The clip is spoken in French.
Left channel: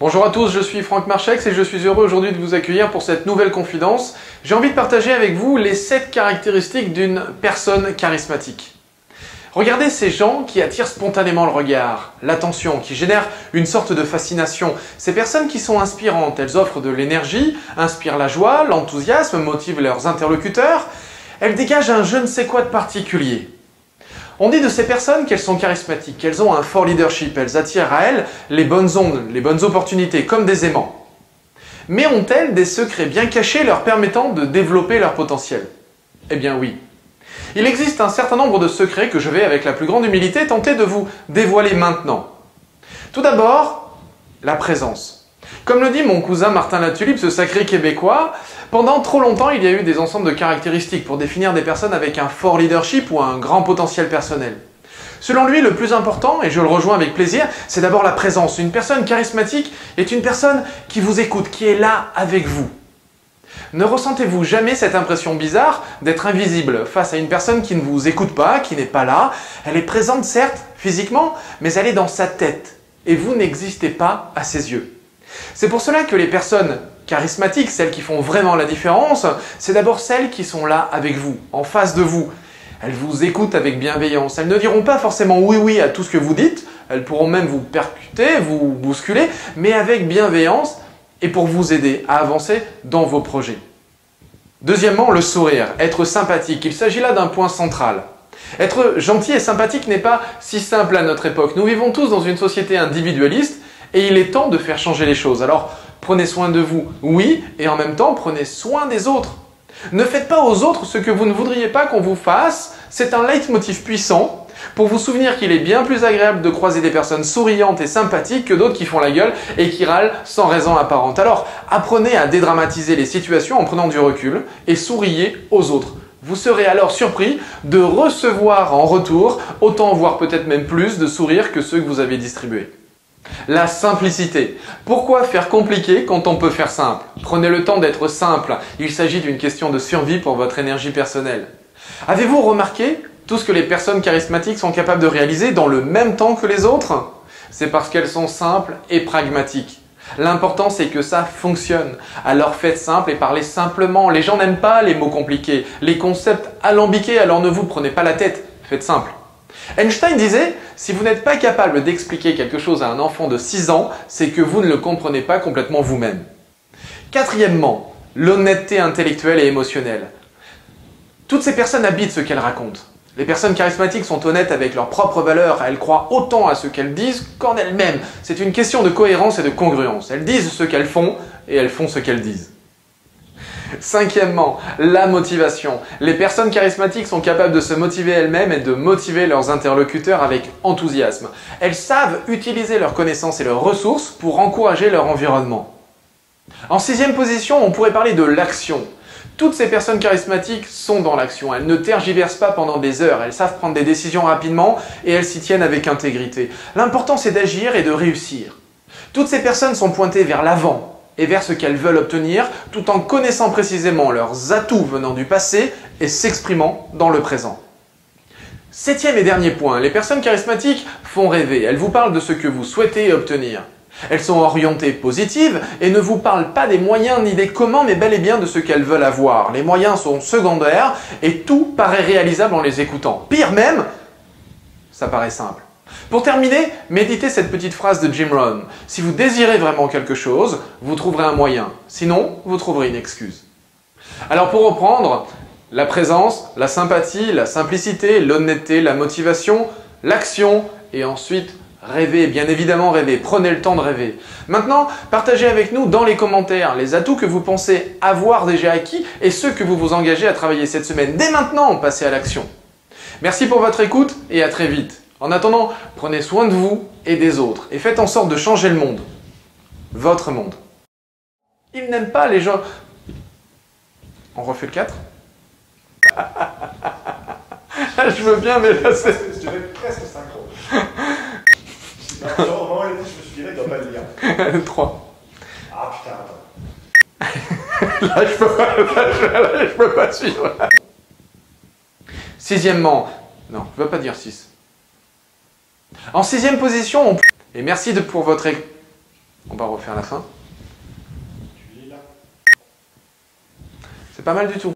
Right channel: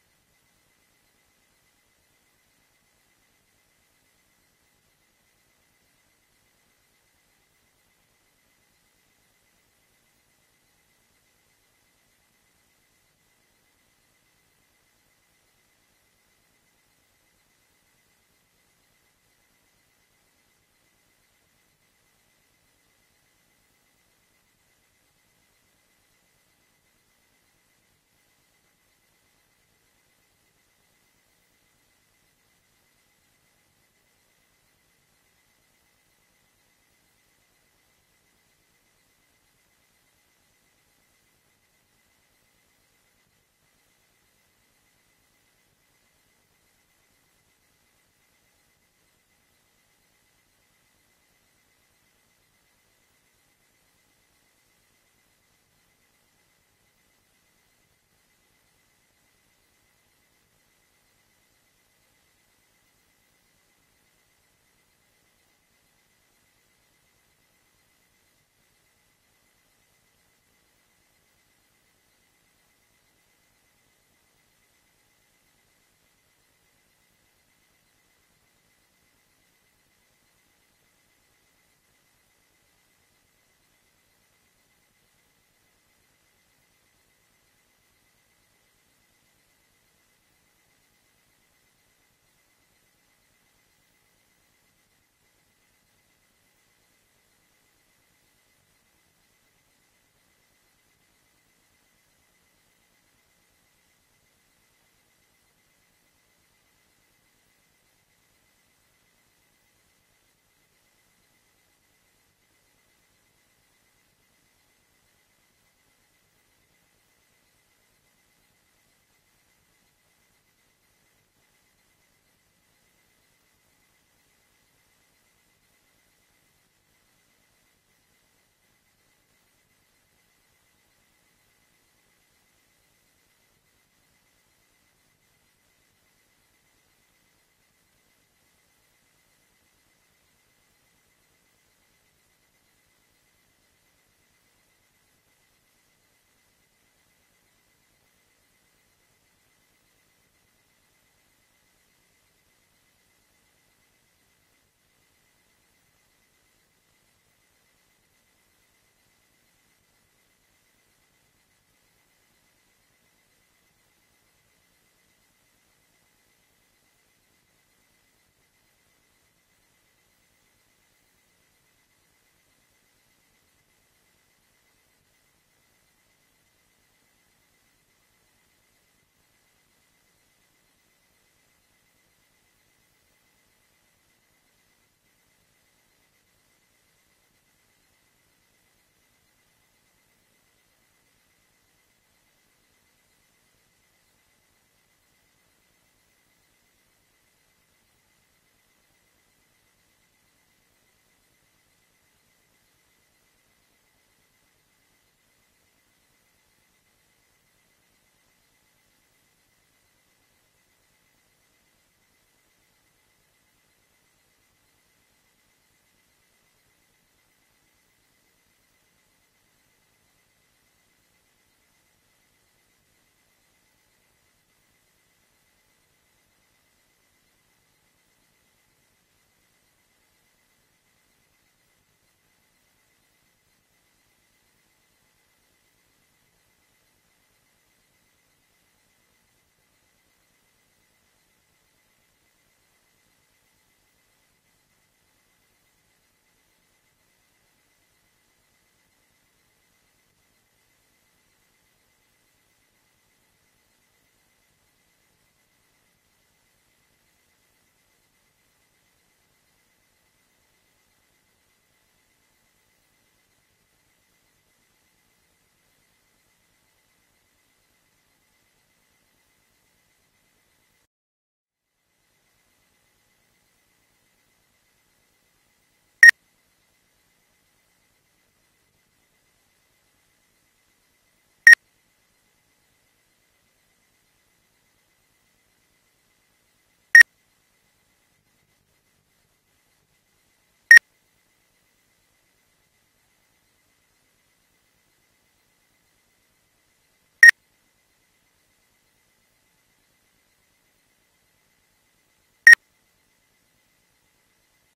Bonjour à tous, je suis Franck Marchex et je suis heureux aujourd'hui de vous accueillir pour cette nouvelle confidence. J'ai envie de partager avec vous les 7 caractéristiques d'une personne charismatique. Regardez ces gens qui attirent spontanément le regard, l'attention, qui génèrent une sorte de fascination. Ces personnes qui sont inspirantes, elles offrent de l'énergie, inspirent la joie, l'enthousiasme, motivent leurs interlocuteurs. Elles dégagent un je ne sais quoi de particulier. On dit de ces personnes qu'elles sont charismatiques, qu'elles ont un fort leadership, elles attirent à elles les bonnes ondes, les bonnes opportunités, comme des aimants. Mais ont-elles des secrets bien cachés leur permettant de développer leur potentiel? Eh bien oui. Il existe un certain nombre de secrets que je vais, avec la plus grande humilité, tenter de vous dévoiler maintenant. Tout d'abord, la présence. Comme le dit mon cousin Martin Latulippe, ce sacré Québécois, pendant trop longtemps, il y a eu des ensembles de caractéristiques pour définir des personnes avec un fort leadership ou un grand potentiel personnel. Selon lui, le plus important, et je le rejoins avec plaisir, c'est d'abord la présence. Une personne charismatique est une personne qui vous écoute, qui est là avec vous. Ne ressentez-vous jamais cette impression bizarre d'être invisible face à une personne qui ne vous écoute pas, qui n'est pas là? Elle est présente certes, physiquement, mais elle est dans sa tête, et vous n'existez pas à ses yeux. C'est pour cela que les personnes charismatiques, celles qui font vraiment la différence, c'est d'abord celles qui sont là avec vous, en face de vous. Elles vous écoutent avec bienveillance. Elles ne diront pas forcément oui à tout ce que vous dites, elles pourront même vous percuter, vous bousculer, mais avec bienveillance et pour vous aider à avancer dans vos projets. Deuxièmement, le sourire, être sympathique. Il s'agit là d'un point central. Être gentil et sympathique n'est pas si simple à notre époque. Nous vivons tous dans une société individualiste et il est temps de faire changer les choses. Alors, prenez soin de vous, oui, et en même temps, prenez soin des autres. Ne faites pas aux autres ce que vous ne voudriez pas qu'on vous fasse. C'est un leitmotiv puissant pour vous souvenir qu'il est bien plus agréable de croiser des personnes souriantes et sympathiques que d'autres qui font la gueule et qui râlent sans raison apparente. Alors, apprenez à dédramatiser les situations en prenant du recul et souriez aux autres. Vous serez alors surpris de recevoir en retour autant, voire peut-être même plus, de sourires que ceux que vous avez distribués. La simplicité. Pourquoi faire compliqué quand on peut faire simple? Prenez le temps d'être simple. Il s'agit d'une question de survie pour votre énergie personnelle. Avez-vous remarqué tout ce que les personnes charismatiques sont capables de réaliser dans le même temps que les autres? C'est parce qu'elles sont simples et pragmatiques. L'important, c'est que ça fonctionne. Alors faites simple et parlez simplement. Les gens n'aiment pas les mots compliqués, les concepts alambiqués, alors ne vous prenez pas la tête. Faites simple. Einstein disait, si vous n'êtes pas capable d'expliquer quelque chose à un enfant de 6 ans, c'est que vous ne le comprenez pas complètement vous-même. Quatrièmement, l'honnêteté intellectuelle et émotionnelle. Toutes ces personnes habitent ce qu'elles racontent. Les personnes charismatiques sont honnêtes avec leurs propres valeurs, elles croient autant à ce qu'elles disent qu'en elles-mêmes. C'est une question de cohérence et de congruence. Elles disent ce qu'elles font et elles font ce qu'elles disent. Cinquièmement, la motivation. Les personnes charismatiques sont capables de se motiver elles-mêmes et de motiver leurs interlocuteurs avec enthousiasme. Elles savent utiliser leurs connaissances et leurs ressources pour encourager leur environnement. En sixième position, on pourrait parler de l'action. Toutes ces personnes charismatiques sont dans l'action. Elles ne tergiversent pas pendant des heures. Elles savent prendre des décisions rapidement et elles s'y tiennent avec intégrité. L'important, c'est d'agir et de réussir. Toutes ces personnes sont pointées vers l'avant et vers ce qu'elles veulent obtenir, tout en connaissant précisément leurs atouts venant du passé et s'exprimant dans le présent. Septième et dernier point, les personnes charismatiques font rêver. Elles vous parlent de ce que vous souhaitez obtenir. Elles sont orientées positives et ne vous parlent pas des moyens ni des comment, mais bel et bien de ce qu'elles veulent avoir. Les moyens sont secondaires et tout paraît réalisable en les écoutant. Pire même, ça paraît simple. Pour terminer, méditez cette petite phrase de Jim Rohn. Si vous désirez vraiment quelque chose, vous trouverez un moyen. Sinon, vous trouverez une excuse. Alors pour reprendre, la présence, la sympathie, la simplicité, l'honnêteté, la motivation, l'action et ensuite rêver, bien évidemment rêver. Prenez le temps de rêver. Maintenant, partagez avec nous dans les commentaires les atouts que vous pensez avoir déjà acquis et ceux que vous vous engagez à travailler cette semaine. Dès maintenant, passez à l'action. Merci pour votre écoute et à très vite. En attendant, prenez soin de vous et des autres et faites en sorte de changer le monde. Votre monde. Ils n'aiment pas les gens... On refait le 4? Je veux bien, mais là c'est... Je dirais presque synchro. Au moment où il a dit je me suis dit, il ne doit pas le lire. 3. Ah putain, attends. Là, je peux pas suivre. Sixièmement... Non, je ne veux pas dire 6. En sixième position, et merci pour votre... On va refaire la fin. Tu es là. C'est pas mal du tout.